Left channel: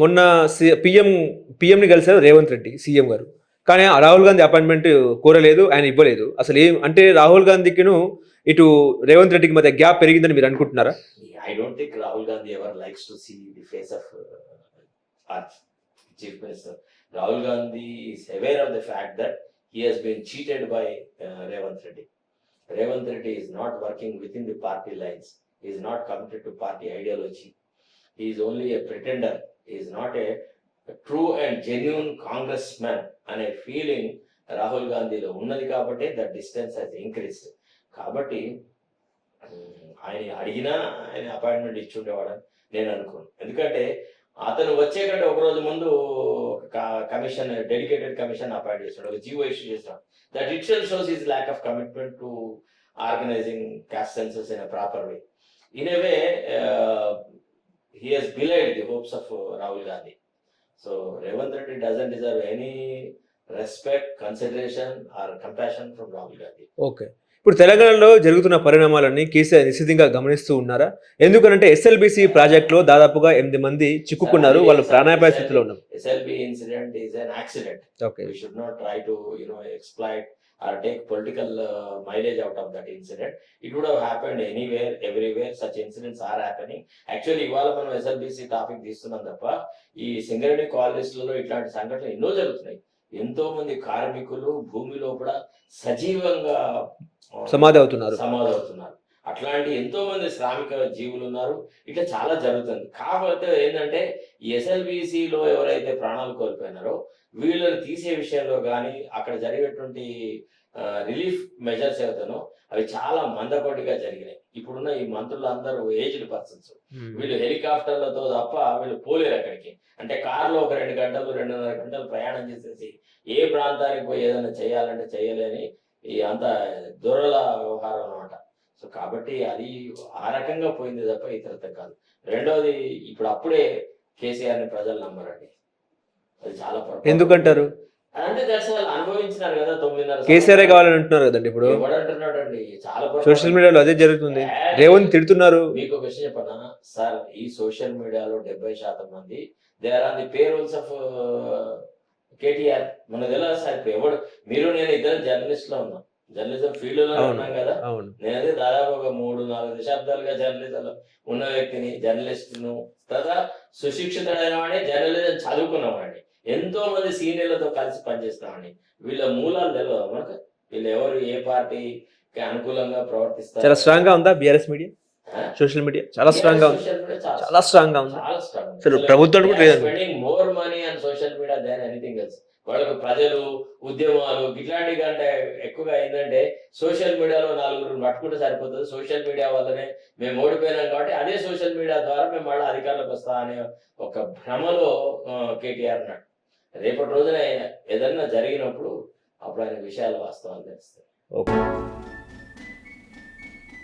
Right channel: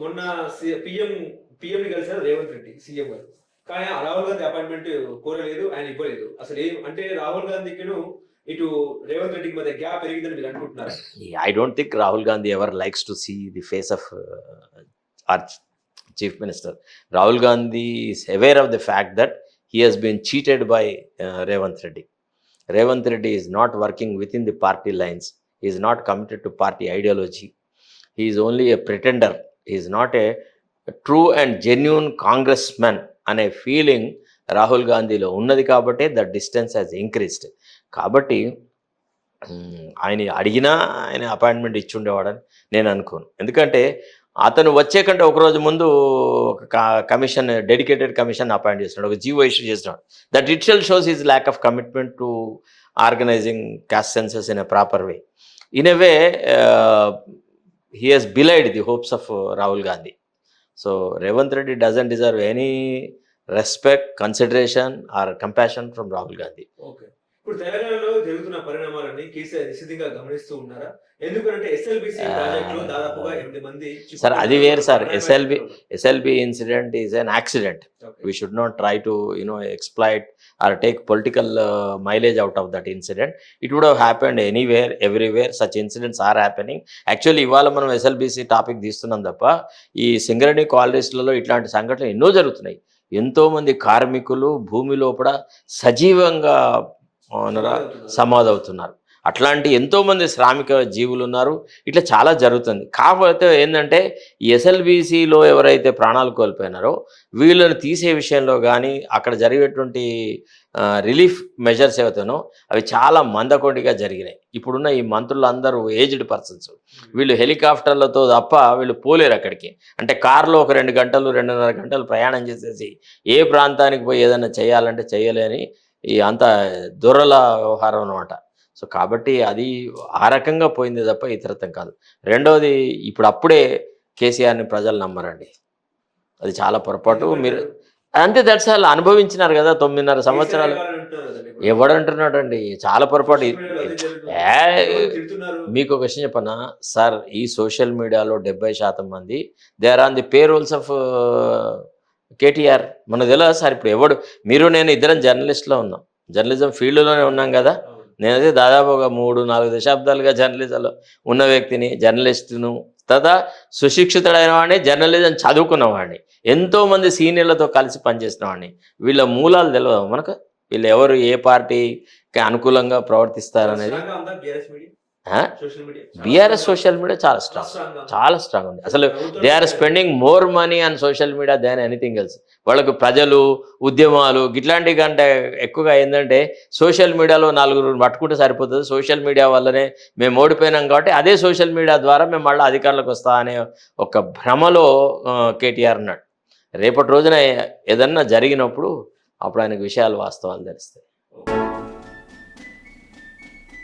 మొన్న పీఎంని కలిసారు రేవంత్ రెడ్డి సీఎం గారు. కానీ ఆ రాహుల్ గాంధీ అపాయింట్మెంట్ కోరలేదు. ఆయన ఇవ్వలేదు. అసలు ఏం అంటే రాహుల్ గాంధీకిను ఇటు రేవంత్ రెడ్డికి మధ్య గ్యాప్ పెరిగిందని మీరు అనుకుంటున్నారా? I don't think Rahul Gandhi ever likes to see the face of our chief minister. Rahul Gandhi is aware of the fact that he has been cheated by Revanth Reddy. Revanth Reddy is not working within the party lines. He is not committed to party ideology. He is only a pretender. He is not a true and genuine congressman అనే feeling Rahul గాంధీలో ఉన్నది కాబట్టి the distance has increased. కాబట్టి ఆయన అడిగినా ఆయన appointment ఇచ్చి ఉండేవాడని నేను అనుకోను. ఎందుకంటే అతను వచ్చే కంటే ఒకరోజు ముందు ఒక కమిషన్, డెడికేటెడ్ కమిషన్ అపాయింట్ చేస్తున్నాడు, ఒక జీవో ఇష్యూ చేస్తున్నాడు. That itself shows his lack of commitment to organizing caste census in a proper way. In a way he has belied the hopes of Rahul Gandhi. So Revanth Reddy doesn't deserve any respect, consideration or compassion from Rahul Gandhi. Okay. ఇప్పుడు తెలంగాణలో జరుగుతున్న పరిణామాలన్నీ కేసీఆర్ నిశితంగా గమనిస్తూ ఉన్నారా? ఎందుకంటే SLBC ప్రాజెక్టులో దాదాపుగా 8 మంది చిక్కుకున్నారు. SLB incident is an accident. Okay. We should not try to exploit or take political mileage out of that incident. It would have happened anywhere, everywhere. Such incidents are happening. Actually ఇవాళ మనం SLBC topic తీస్తున్నాం తప్ప ఈ సింగరేణి కాలనీస్లలో ఇట్లాంటి సంఘటనలు ఎన్నో జరుగుతున్నాయి. ఎంతోమంది కార్మికులు భూమి లోపల సజీవంగా సమాధవుతున్నారు. అట్లాంటి ఎంతోమంది శ్రామిక జీవులు ఉన్నారు. ఇట్లా చాలా జరుగుతుంది. కాకపోతే ఏంటంటే ఈ ఎస్ఎల్బిసిలో ఎవరైతే ప్రాణాలు కోల్పోయినారో వీళ్ళని తీసే విషయంలో కానీ అక్కడ జరిగేటువంటి రిలీఫ్ మెజర్స్ ఏవైతేనో అవి చాలా మందకొండిగా జరిగినాయి. ఇప్పుడున్న ఈ మంత్రులందరూ ఏజ్డ్ పర్సన్స్. వీళ్ళు హెలికాప్టర్లతో తప్ప వీళ్ళు పోలేరు అక్కడికి. అంటే కారులో ఒక 2 గంటలు 2.5 గంటలు ప్రయాణం చేసేసి ఏ ప్రాంతానికి పోయి ఏదైనా చేయాలంటే చేయలేని ఈ అంత దూరల వ్యవహారం అనమాట. సో కాబట్టి అది ఆ రకంగా పోయింది తప్ప ఇతరత్వం కాదు. రెండవది ఇప్పుడు అప్పుడే కేసీఆర్ని ప్రజలు నమ్మరండి. అది చాలా పొరపాటు. అంతే, దట్స్ ఆల్. అనుభవించినారు కదా 9.5 సంవత్సరాలు. ఎవడంటున్నాడు అండి? చాలా పొరపాటు. మీకు ఒక విషయం చెప్పనా సార్, ఈ సోషల్ మీడియాలో 70% మంది they are on the payrolls of KTR. మనకు తెలియదు సార్. ఇప్పుడు ఎవడు, మీరు నేను ఇద్దరం జర్నలిస్ట్లో ఉన్నాం, జర్నలిజం ఫీల్డ్లోనే ఉన్నాం కదా. నేనైతే దాదాపు ఒక 3-4 దశాబ్దాలుగా జర్నలిజంలో ఉన్న వ్యక్తిని, జర్నలిస్టును, తదా సుశిక్షితుడైన వాడిని, జర్నలిజం చదువుకున్న వాడిని, ఎంతోమంది సీనియర్లతో కలిసి పనిచేసిన వాడిని. వీళ్ళ మూలాలు తెలియదు మనకు. వీళ్ళు ఎవరు ఏ పార్టీకి అనుకూలంగా ప్రవర్తిస్తారు. సోషల్ మీడియా చాలా స్ట్రాంగ్ ఉంది. They are spending more money on social media than anything else. వాళ్ళకు ప్రజలు, ఉద్యమాలు ఇట్లాంటి కంటే ఎక్కువగా ఏంటంటే సోషల్ మీడియాలో 4 పట్టుకుంటే సరిపోతుంది. సోషల్ మీడియా వల్లనే మేము ఓడిపోయినాం కాబట్టి అదే సోషల్ మీడియా ద్వారా మేము మళ్ళీ అధికారులకు వస్తా అనే ఒక భ్రమలో కేటీఆర్ ఉన్నాడు. రేపటి రోజున ఏదన్నా జరిగినప్పుడు అప్పుడు ఆయనకు విషయాలు వాస్తవాలు తెలుస్తాయి. ఓకే.